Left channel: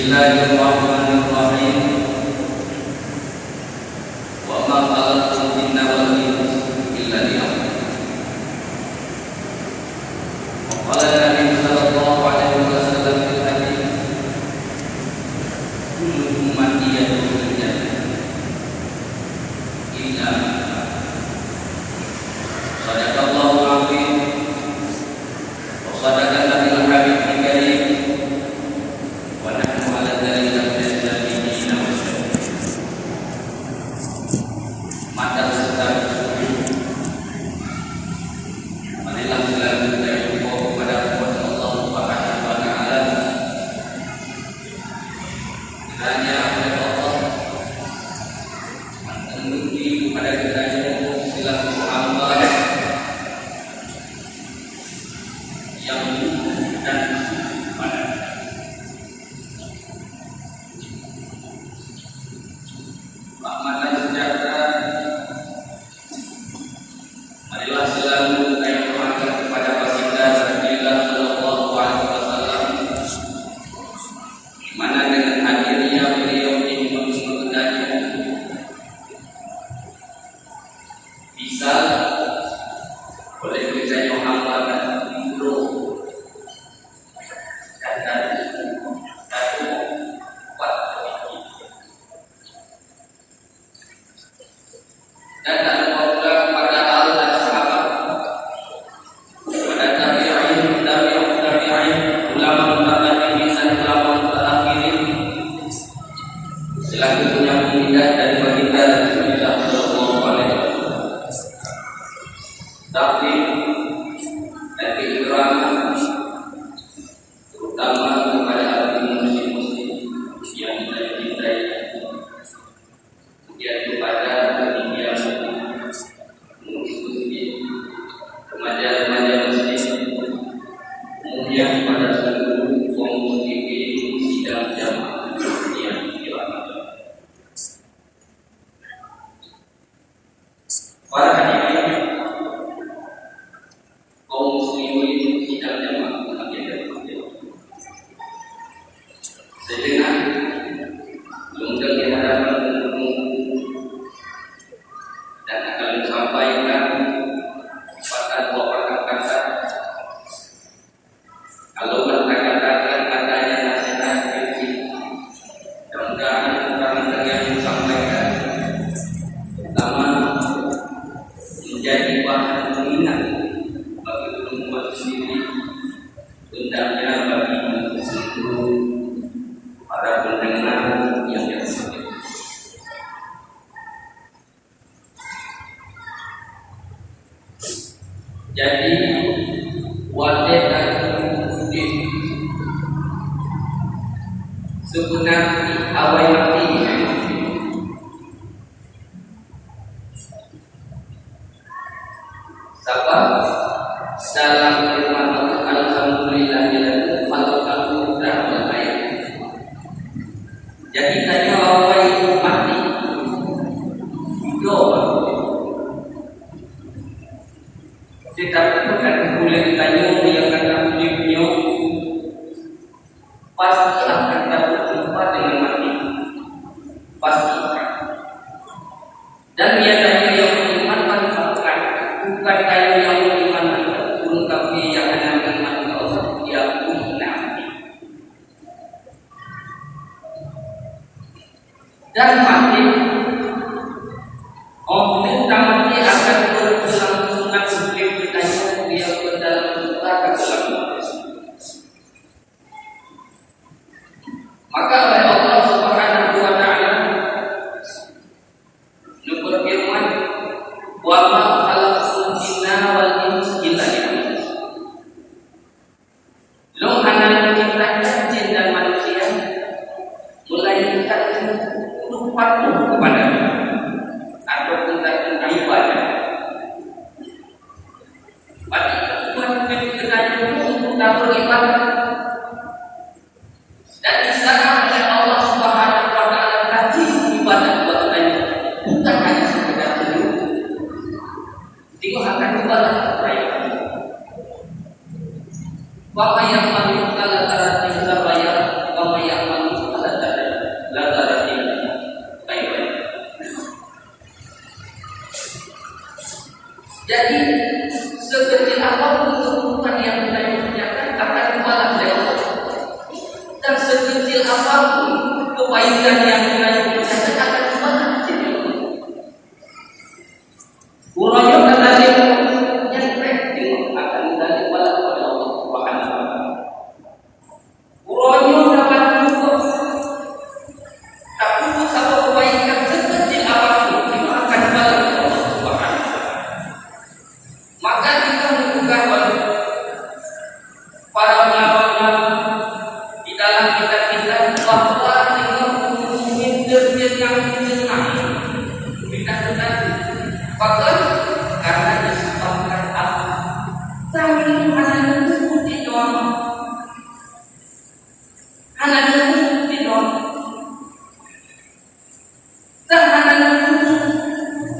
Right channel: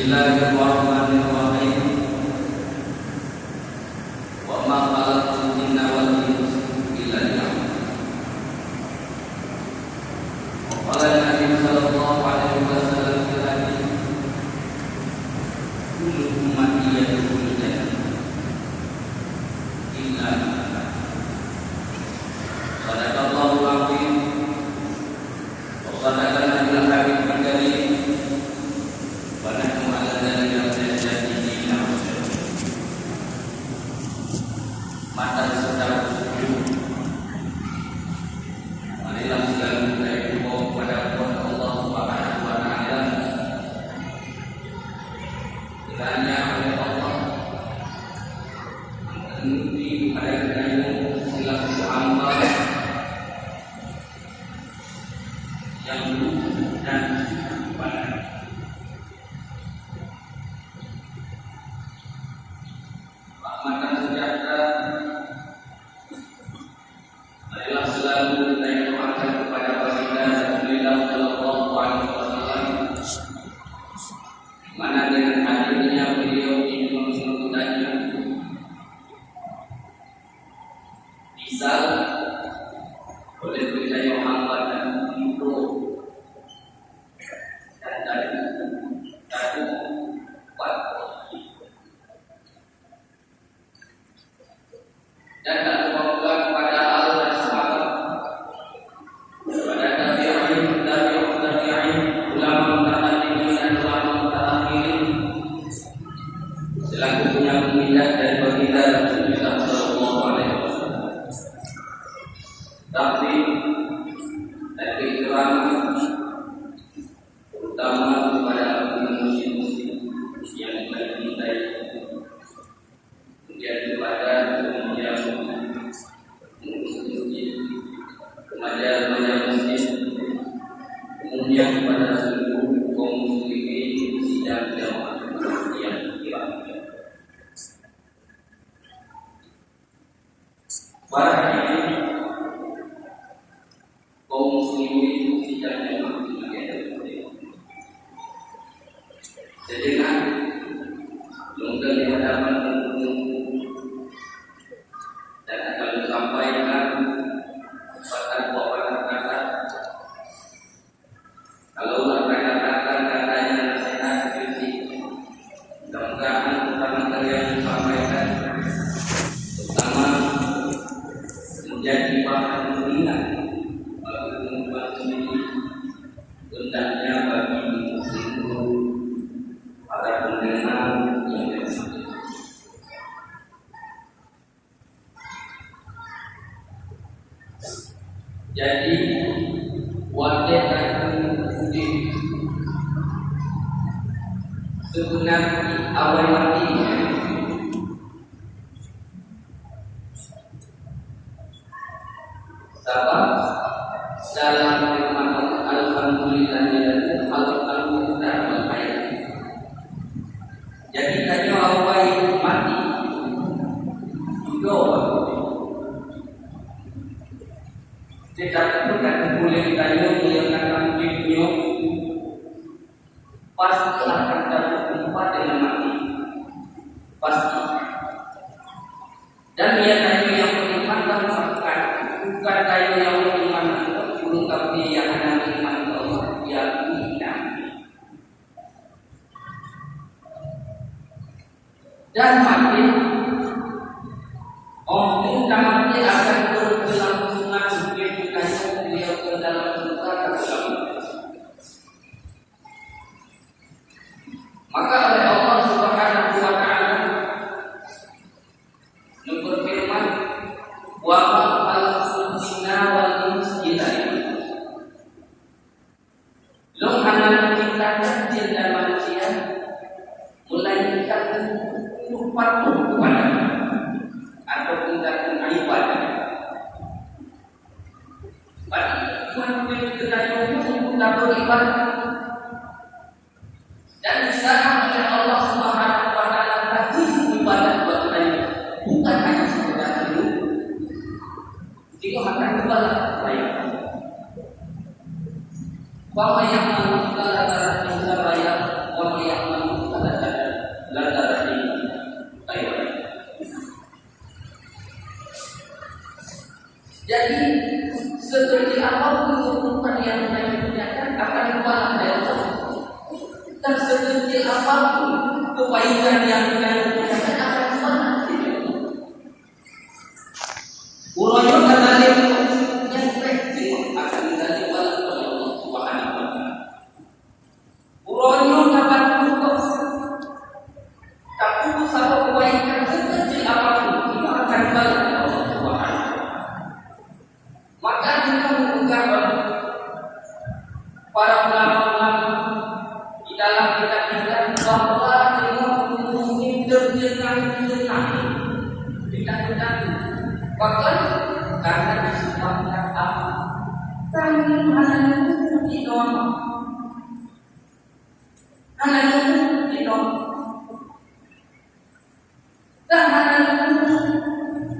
Bismillahirrahmanirrahim. Wa ma khalaqtul jinna wal insa illa liya'budun. Wa qala Nabi sallallahu alaihi wasallam fil hadits, kullu ummati yadkhulul jannah illa sadaqallahu al-azim wa sadaqal nabiyul habibul karim wa nahnu ala dzalika minasy syahidin wa syahidin. Mata saudara, marilah segala kita bersyukur kepada Allah Subhanahu wa taala. Kiranya oleh Allah menuruti kepada kita selaku hamba yang dan pada rahmat dan sejahtera. Marilah selalu kita doakan kepada baginda Rasulullah sallallahu alaihi wasallam, di mana dengan hadirnya beliau di Masjid bisa oleh kita yang hamba dan hidro dan satu kuat dan tak lupa pula kepada al dan sahabat, kepada tabi'in, ulama mutaqaddimin dan ulama mutaakhirin selaku penyambung lidah dari baginda Rasulullah sallallahu alaihi wasallam. Taklim dan keikraman terutama kepada muslim-muslim yang kita cintai, kemudian kepada penitia muslim, remaja-remaja muslim, kemudian kepada seluruh kaum muslimin sidang jamaah yang dirahmati. Para hadirin kaum muslimin sidang jamaah yang dirahmati. Sejenak lungkang di hadapan dan akan disampaikan dua kata. Kalau kata-kata katanya nasihat kritik, mudah-mudahan kata yang disampaikan pertama menjadi bahan pengingat bagi umat sendiri, hendaknya bagi seluruh para pendengar yang dirahmati. Jadi wajib dan mungkin sebenarnya awal mati sebab dalam firman Allah, alhamdulillahilladzi khalaqal mauta wal hayata. Jadi tanya awal mati juga tetapi bukan boleh ditanya yang kata hidupnya pasti akan berjumpa dengan mati, pasti. Dan biasanya yang beriman bukan kayu yang beriman turun tapi yang hanya beriman ke Allah dia punya. Dan mati tentang mati akan berpulang sunat sebelum ditanya dia ke dalam neraka dalam. Maka oleh Allah Subhanahu wa taala berfirman, wa ma khalaqtul jinna wal insa illa liya'budun. Lo hanya menciptakan jin dan manusia melainkan untuk patuh kepada-Nya ataupun tak ibadah. Tuhan berkata untuk tak beribadah. Dan disana oleh Allah Subhanahu wa taala tadi ibadah kepada-Nya bukan hanya sekedar dulu. Tengok akan ibadah kepada-Nya. Wa may ya'mal mithqala dzarratin khairan wa may ya'mal dan sekecil apapun kebaikan yang kita lakukan akan dibalas oleh Allah. Uraya kata dia yang penting akan dibalas oleh Allah Subhanahu wa taala. Uraya dapat berubah, tapi satu kebaikan sekecil apapun itu akan dibalas oleh Allah Subhanahu wa taala. Maka kita membuka para ulama di dalam kitab-kitab bahwa kita mungkin terjenang kita sedang bahkan karena disebabkan apa kami hanya di doang hanya di doang dan hanya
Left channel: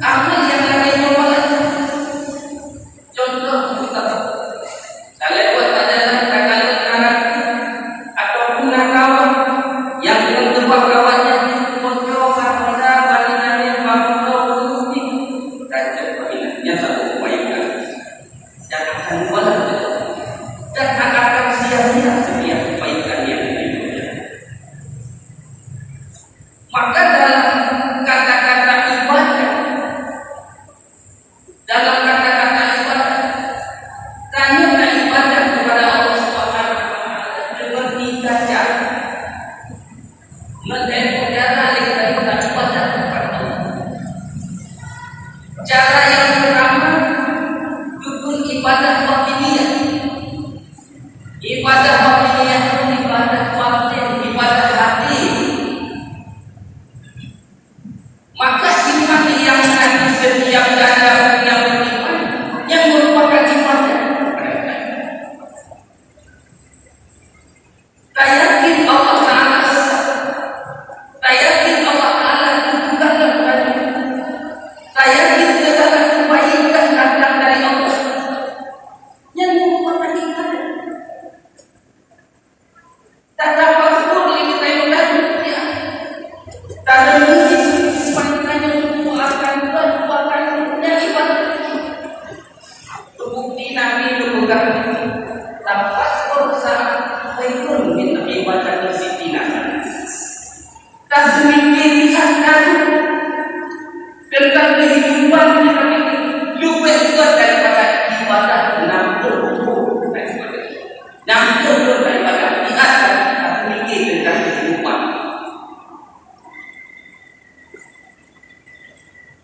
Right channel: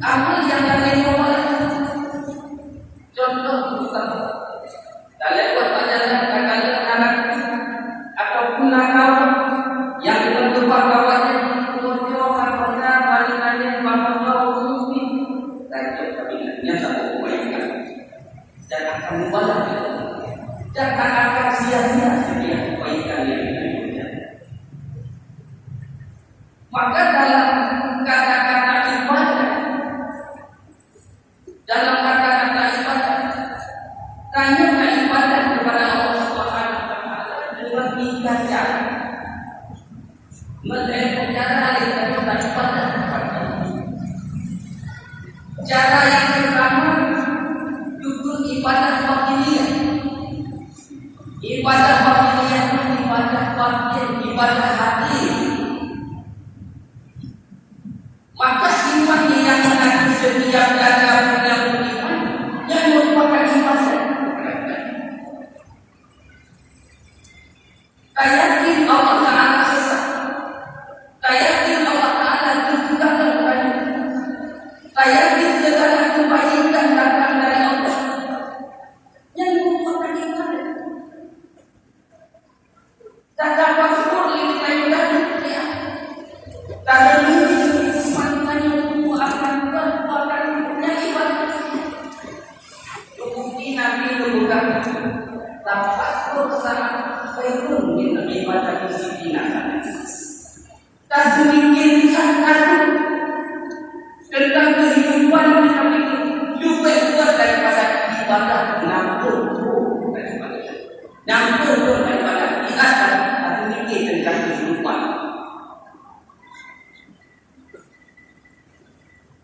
amal yang lainnya wala contoh kita saya buat pelajaran kakak ataupun nakawan yang mengebak kawannya contoh pada balinane bangun mesti raja balinanya satu kebaikan dan akan balas dan akan sia-sia setiap kebaikan yang dilakukan. Maka dalam kata-kata ibadah, dalam kata-kata ibadah, tanya ibadah kepada Allah Subhanahu wa taala dengan tiga cara. Mengenai cara kita ibadah kepada Allah. Cara yang pertama, dukun ibadah batiniyah. Ibadah batiniyah itu ibadah batin, ibadah hati. Maka iman yang nanti setiap dada yang beriman yang merupakan ibadah. Saya yakin Allah Ta'ala sesat. Saya yakin Allah Ta'ala itu dalam banyak. Saya yakin segala kebaikan datang dari Allah yang merupakan ibadah. Tak dapat seluruh kita yang banyak ya. Tak ada mungkin wanita yang semua akan buat yang ibadah. Bukti Nabi memegang dapat berusaha khairun min ibadah sittina. Tak semikir lihat tentang kehidupan kita ini lebih kuat daripada ibadah 60 daripada lihat tak semikir tentang kehidupan.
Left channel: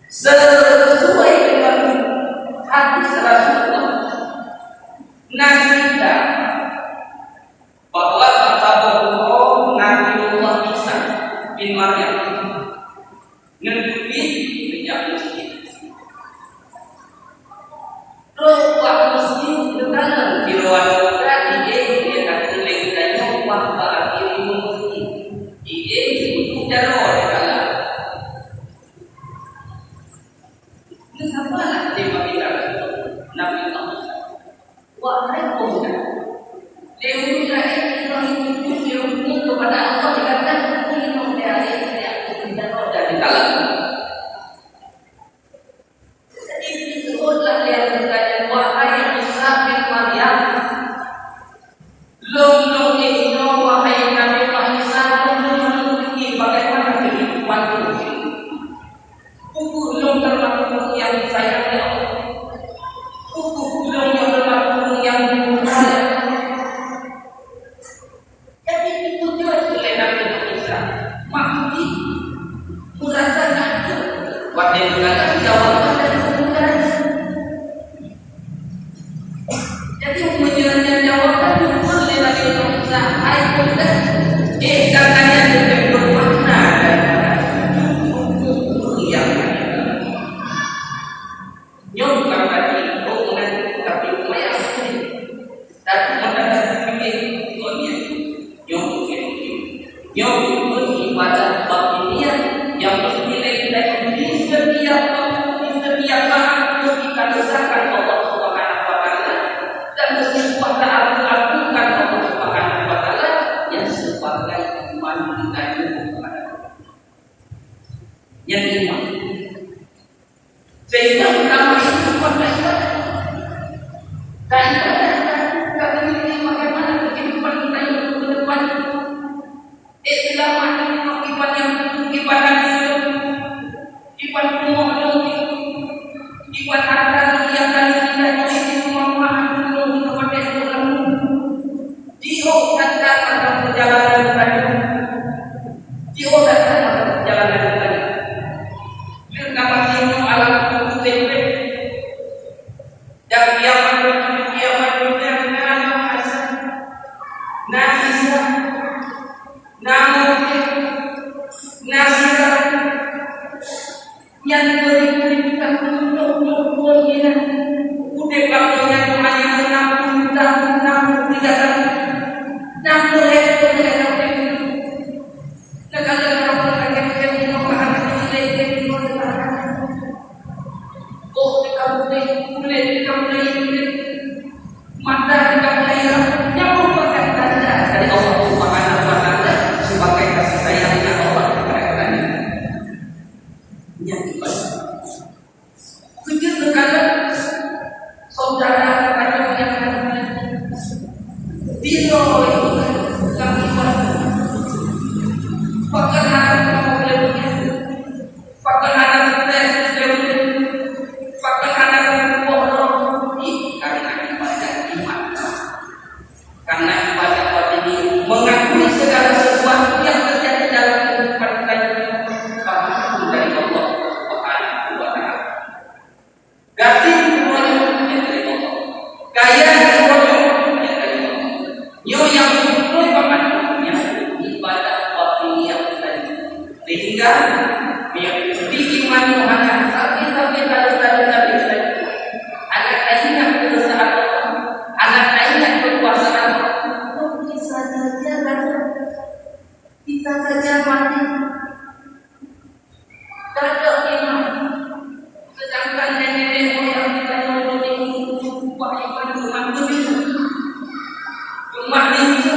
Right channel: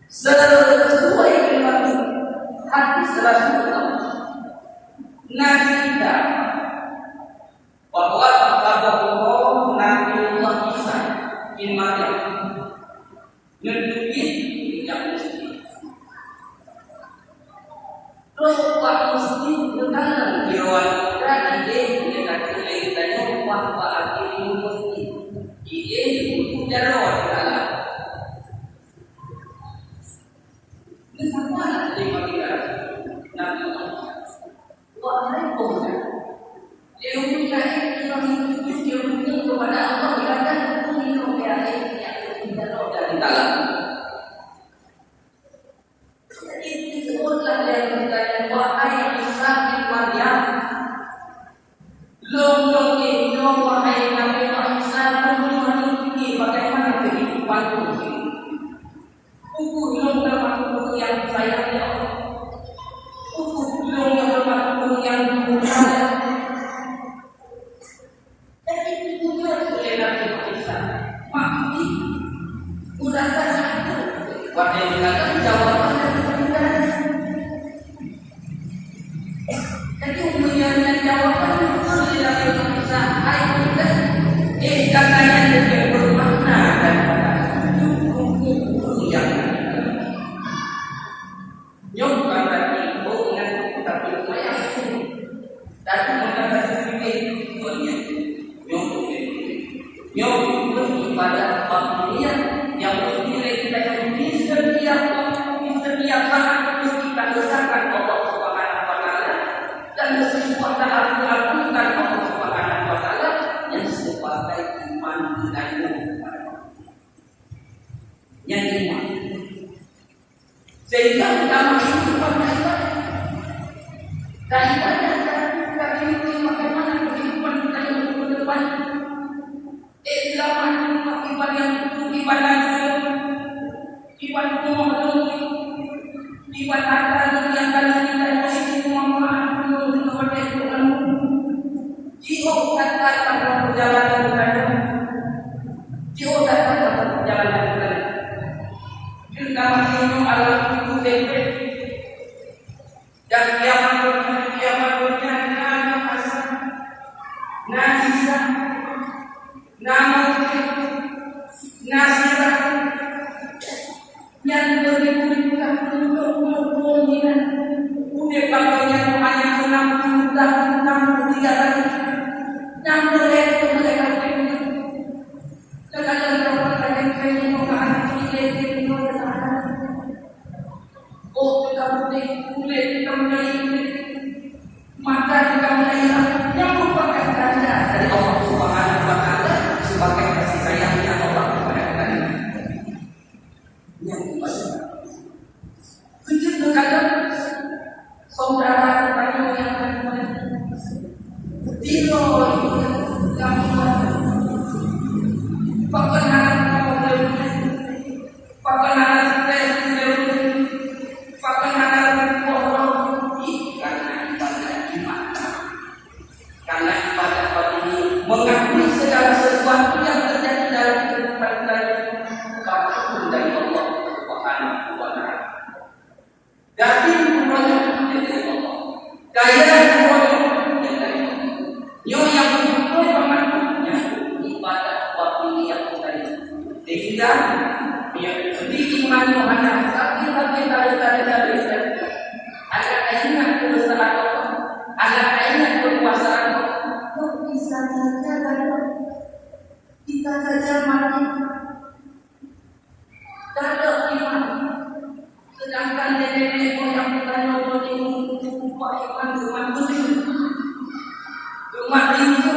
Sesuai dengan hadis Rasulullah Nabi kita bahwa kata Allah Nabiullah Isa bin Maryam ngedupin minyak masjid. Ruang masjid berkanan di ruang tadi dia kata lengkanya bahwa akhirnya masjid. Dia itu jalan di dalam. Ini sama lah tema kita Nabi Muhammad. Wahai pemuda, lewatlah ilmu kepada Allah dikatakan ilmu dari kita dari dalam. Jadi disebutlah yang berkata wahai Isa bin Maryam, long ini wahai Nabi Isa memiliki bagaimana kehidupan ini. Ukur long termasuk yang sayang Allah. Ukur long yang termasuk yang dimuliakan. Jadi ditujukan oleh Nabi Isa. Maknanya merasa sakit. Waktu itu kata jawaban dari kemudahan. Jadi menyenangkan jawaban itu oleh Nabi Isa. Hai muda, katanya lebih bermakna daripada hukum yang nyok kambati hubungan tapi upaya tapi mendapat sedikit dunia nyok ibadah batiniyah yang mesti kita di setiap saat kita desahkan Allah Subhanahu wa taala dan mesti kuat lakukan Allah Subhanahu wa taala yang sebagai iman kita kepada Allah. Yang iman sehingga pertama itu pada ibadah. Dan ibadah bagaimana kehidupan kita yang ke depan. tadi. Dia datang jalan yang tadi. Dia nama dia alam tubuh tempe. Dan kiamat dunia nama Hasan, Nafisa, Namuke, Nasira, yang berikan untuk kita. Udah bangunnya rumahnya 60 tahun, 63 tahun, 60 hektar itu. Kadang-kadang orang yang mau bahan itu oh kita mulai mata kita mulai yang merupakan tanda dari Allah Subhanahu wa Ta'ala sebagai kasih sayangnya Allah kepada kita. Yang ibadah. Kecil terkadang saudara kita yang tilo itu kami pakai mengakui segala sesuatu yang terjadi dalam kehidupan kita apapun dari Allah Subhanahu wa Ta'ala. Ganti semuanya yang dari Allah. Kaya semuanya yang dari Allah. Yo yang mulai pamannya ibadah batiniyah tadi. Sehingga diiman Muhammad tapi anak ingat kebesaran Allah, anak ingat kekuasaan Allah. Bisa saja kan kita saja mati tidak iman, sedangkan nenek moyang kita yang ini sumpah iman begitu, cuma itu,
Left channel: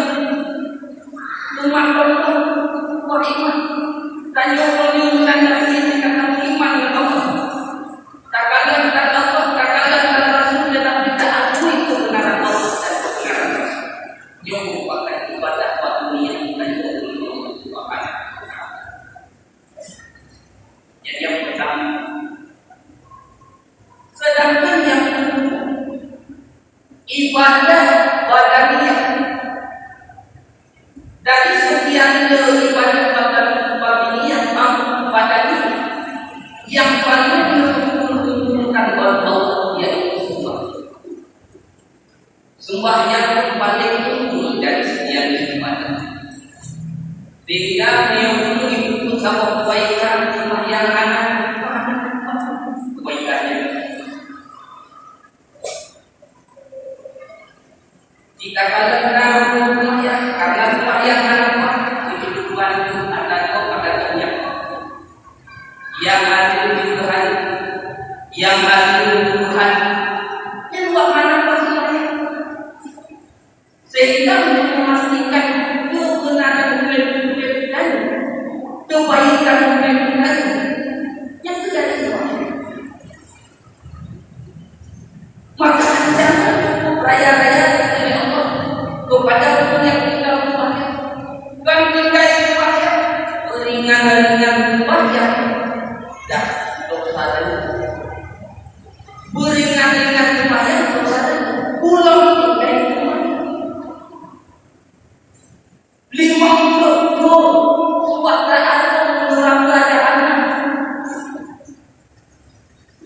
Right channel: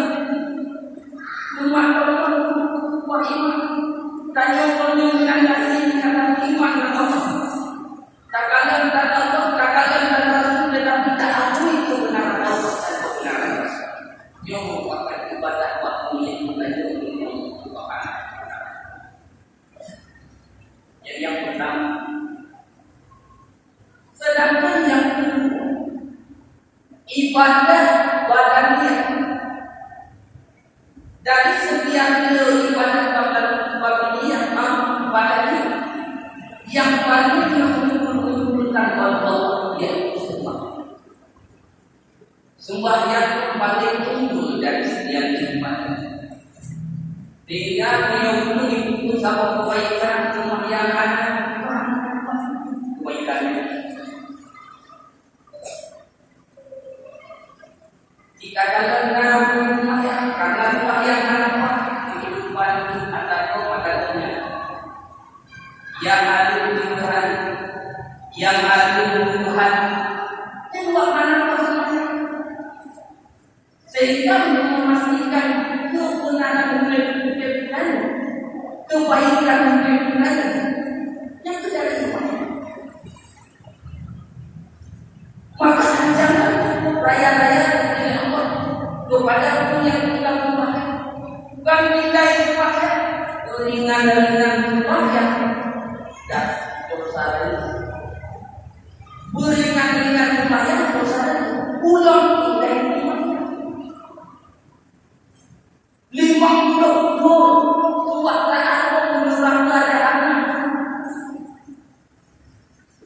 cuma Allah sumpah iman dan yang tanda ini kata iman Allah. Tak kalian tak Allah, tak kalian tak Rasul, tetapi tak akui kebenaran Allah dan kebenaran Rasul. Yang merupakan ibadah dunia bukan dari Allah Subhanahu wa Ta'ala. Jadi yang pertama. Sedangkan yang kedua, ibadah badaniyah. Dari sekian ibadah badaniyah, yang paling mengumpulkan Allah yaitu sembah. Sembah yang paling unggul dari sekian ibadah. Sehingga yang dulu itu sama kebaikan rumah yang anak kebaikannya. Jika kalian tahu rumah yang karena rumah yang anak kehidupan ada pada dunia yang adil di Tuhan, yang adil di Tuhan, yang buat anak masing-masing. Sehingga memastikan kebenaran dan kebaikan yang dari Allah. Maka jangan cukup raya-raya dari Allah kepada orang yang tinggal di rumahnya. Bukan tinggal di rumahnya, ringan-ringan rumahnya dan dosa lain. Beringan-ringan rumahnya dosa lain. Pulang tinggal di rumahnya. 50 suatu aku menurut keadaan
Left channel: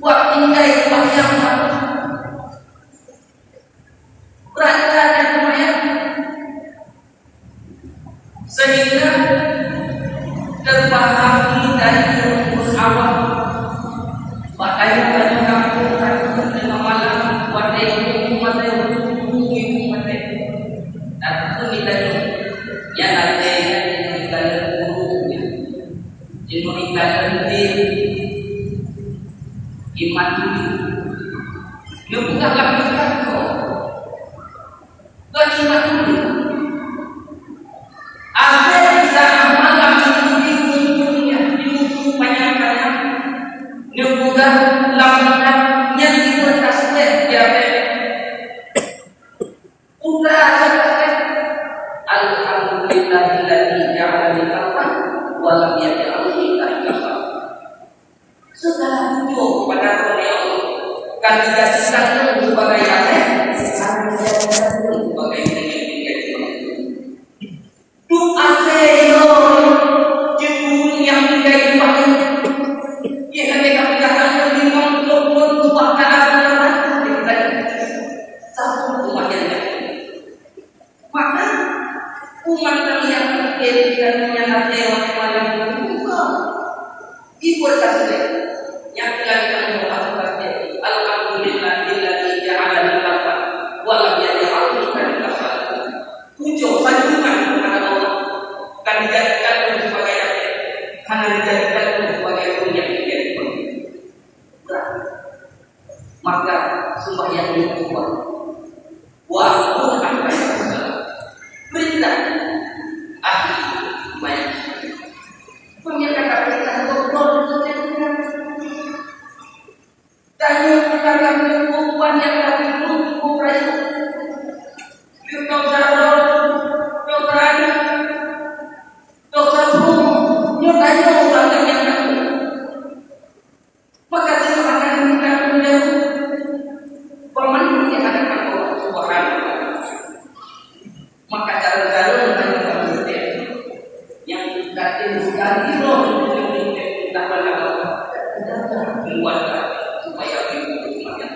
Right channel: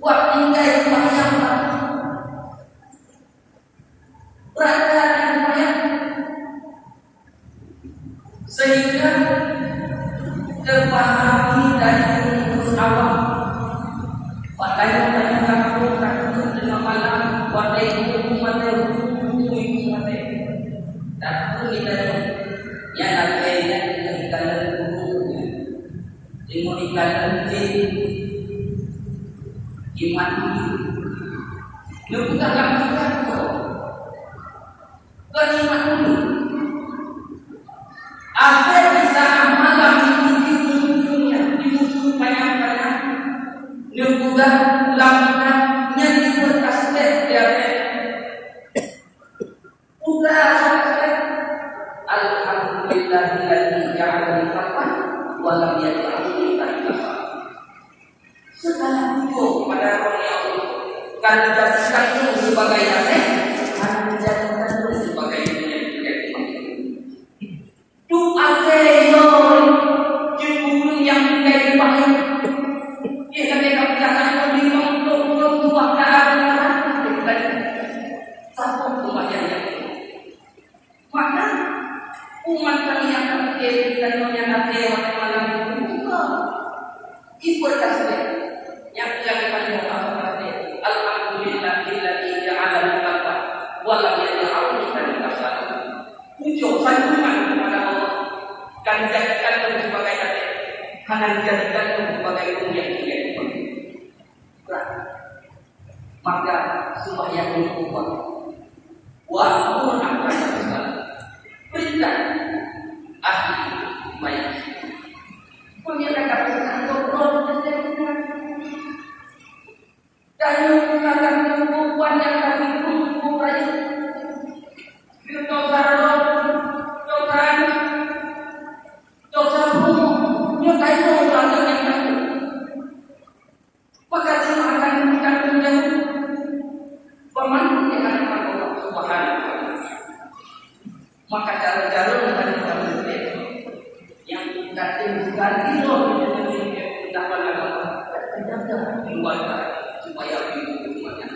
buat tinggal di rumah yang sama. Berada di rumah yang sehingga terpahami dari rumus awal. Makanya banyak kampung takut dengan malam buat ibu mati dan itu mitanya yang ada yang diberikan gurunya, diberikan iman ini. Dia bukan lakukan kau, beriman dulu. Ada bisa amalan di dunia di musuh banyak-banyak. Dia bukan lakukan yang diberkas dia. Udah selesai. Alhamdulillahilladzi ja'ala nikah wa lam yaj'al nikah. Segala puji kepada Allah. Kan dijadikan sebagai aset, kan dijadikan sebagai milik. Doa yo jebul yang kayak banyak ya kan kamu jangan bingung untuk keadaan kita satu umat yang maka umat kami yang menjadikan menyadari malam ibu kasih yang dilakukan doa seperti alhamdulillahilladzi ja'ala al-qalba wa lam yaj'alhu kal-kasal. Puji sanjungan kepada Allah kan dijadikan sebagai apa? Karena dijadikan sebagai yang menjadi berat. Maka sembahyang itu kuat. Wa qul akhbarana perintah ahli baik. Pemirsa kata ngobrol dan menggunakan perempuan yang tadi cukup rayu dokter nyokanya ulangan yang tadi maka itu akan menjadi pemandu di hadapan Allah Subhanahu wa Ta'ala. Maka cara-cara menjadi yang kita ganti roh kita beragama keluar supaya umatnya.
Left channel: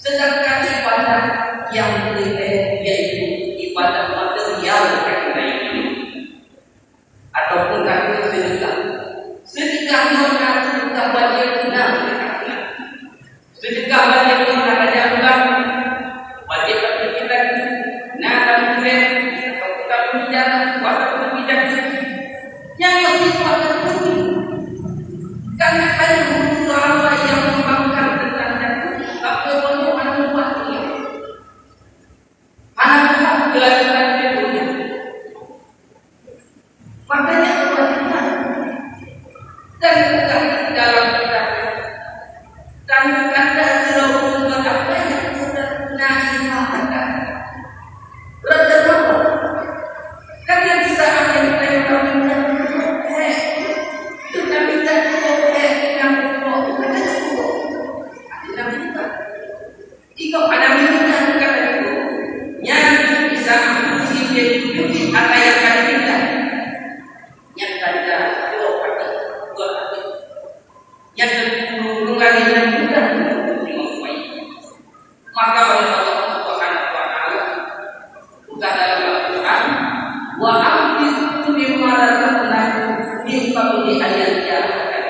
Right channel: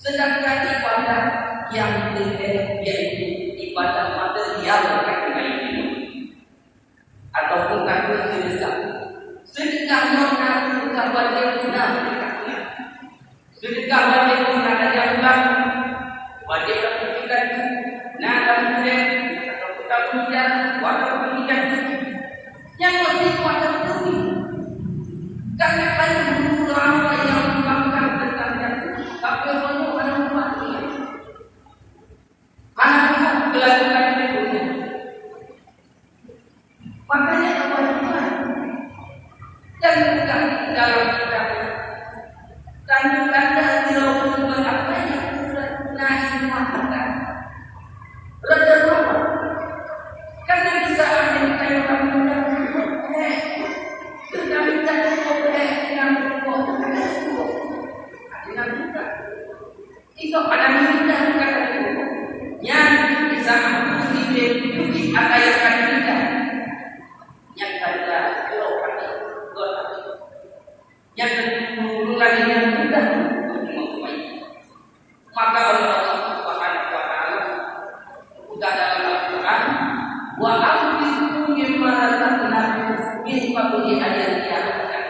Sedangkan ibadah yang lebih yaitu ibadah material karena ini ataupun karena sedekah. Sedekah yang sedekah wajib guna sedekah wajib guna ada bulan wajib kita nah kemudian atau kita bicara waktu bicara yang lebih kuat lagi karena ada beberapa yang membangkang tentang tapi perlu anak buahnya anak buah melakukan dunia makanya kewajiban dan bukan dalam kita dan anda tidak membuat apa yang sudah naimahkan rata-rata karena di saat yang kita kami tetapi tak cukup yang cukup ada cukup ada minta itu ada minta bukan ada cukup yang bisa menguji apa yang akan minta yang ada jauh hati dua hati yang berhubungan dengan mudah maka oleh Allah Subhanahu wa Ta'ala bukan dalam Al-Quran wa amfiku mimma razaqnakum min qabli ayat yang akan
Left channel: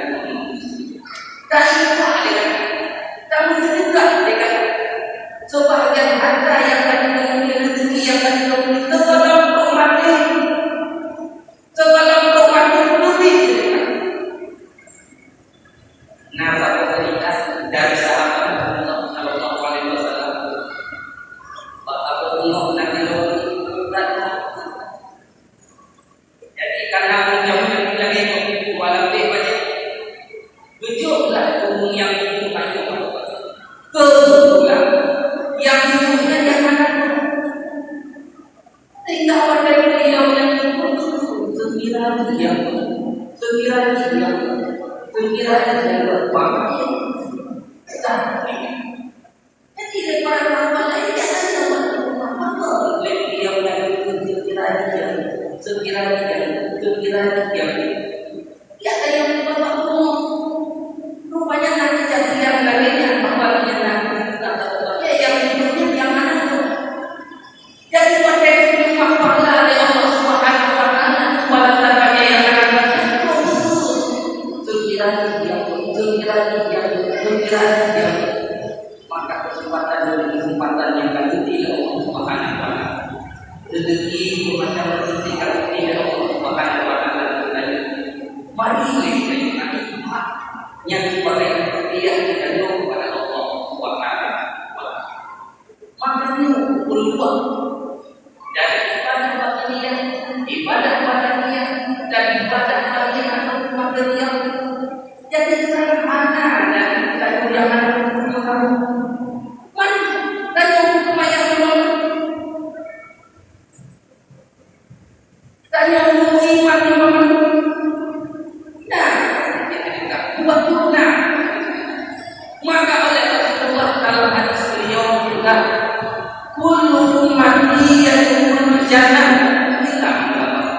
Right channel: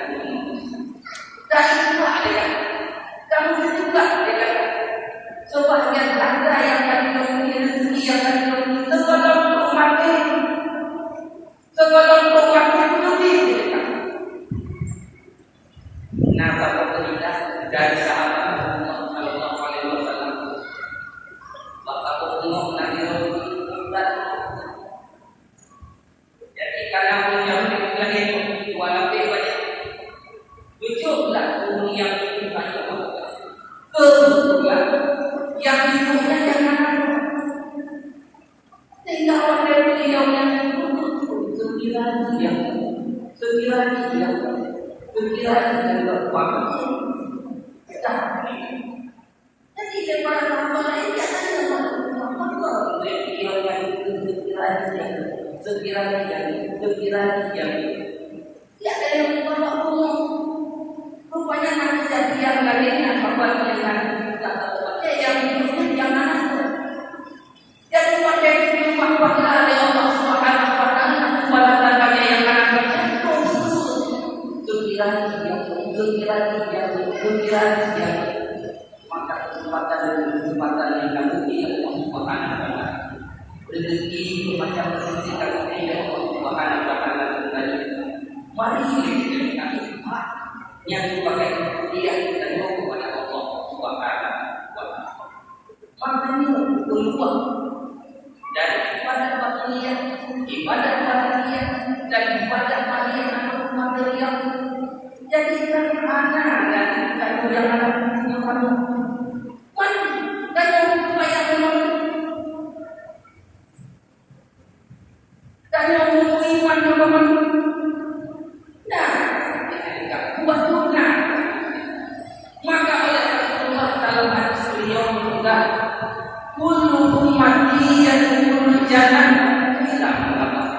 dan itu adalah kamu juga dengan sebahagian harta yang tadi kamu rezeki yang tadi kamu sebelum mati lebih nah bapak berikan dari sahabat Rasulullah Sallallahu Alaihi Wasallam bapak umur nanti jadi karena yang itu walau banyak tunjuklah umum yang itu banyak kebetulan yang hidupnya yang mana sehingga pada beliau yang itu sekiranya yang berpamit jadi daripada sahabat lain jangan apa beliau yang itu sekiranya ya ada yang bapak umum rupanya nanti jadi yang lainnya bapak yang nanti juga tahu ya yang hidupnya yang mana itu jadi pada rumah Allah oleh Allah Subhanahu wa Ta'ala walaupun yang anak itu sekiranya maka kesempatan yang akan diberi Allah Subhanahu wa Ta'ala rezeki macam rezeki kalau tidak Allah Subhanahu wa Ta'ala mari kita hikmat yang sebagai hadiah kita doa kepada Allah Subhanahu wa Ta'ala makanya peluang dari ibadah batiniyah dan ibadah maliyah atau material jadi sederhana dan kita yang ada di kamu mari dan hukum yang memang dan yang iman memang nah kita juga buat juga maka oleh Rasulullah dalam hadis beliau juga kullu ummati yadkhulul jannah illa man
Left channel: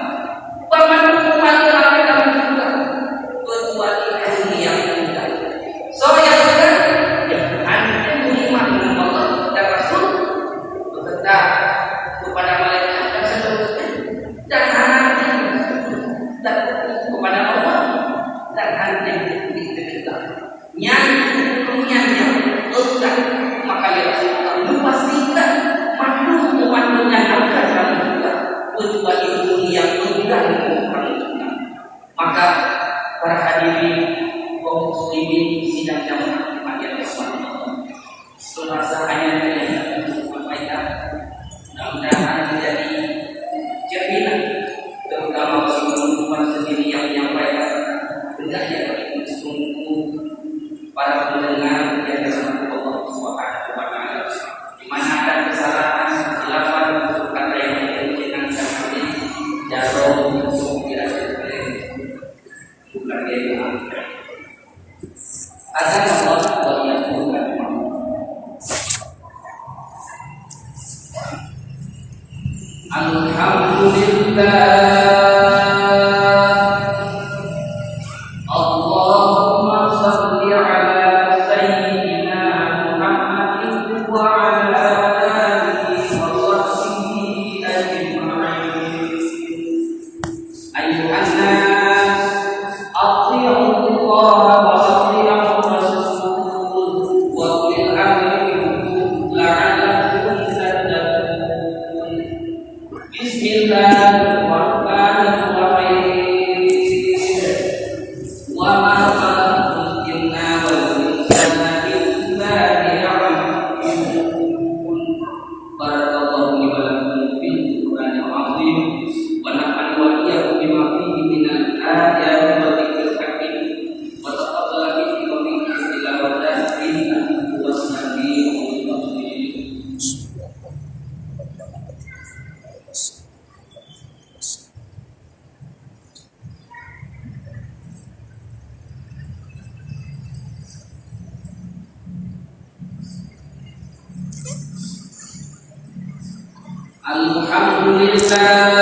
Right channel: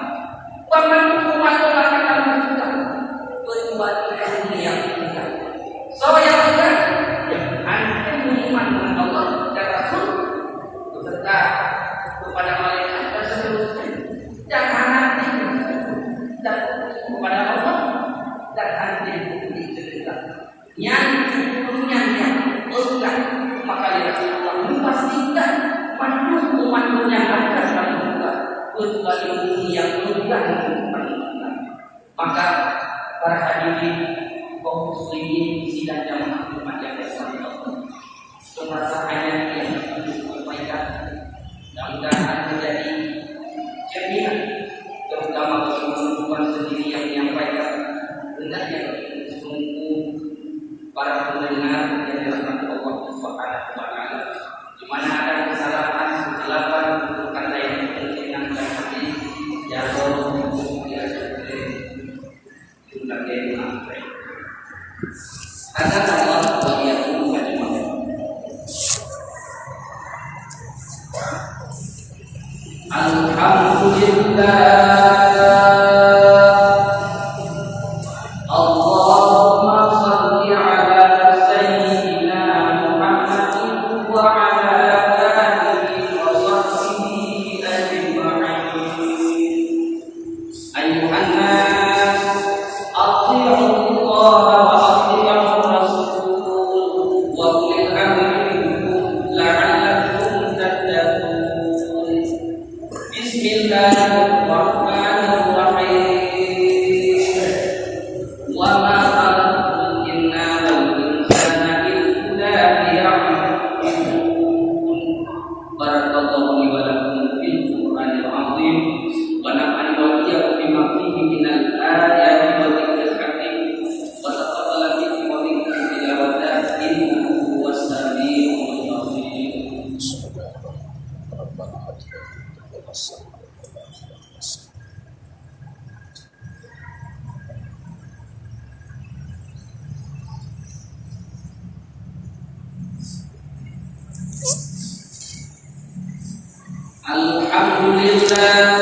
ilmu yang mengganggu kita. Maka para hadirin kaum muslimin sidang jamaah Jumat yang dirahmati Allah, serasa hanya yang saya sampaikan mudah-mudahan menjadi cerminan terutama bagi teman-teman sendiri yang menyampaikan, hendaknya bagi sungguh para pendengar yang dirahmati Allah Subhanahu wa taala, di mana ada kesalahan, kesilapan, kata yang berkaitan dengan hadis jatuh untuk diajarkan juga dia agar Allah berlihat alhamdulillah. Alhamdulillah.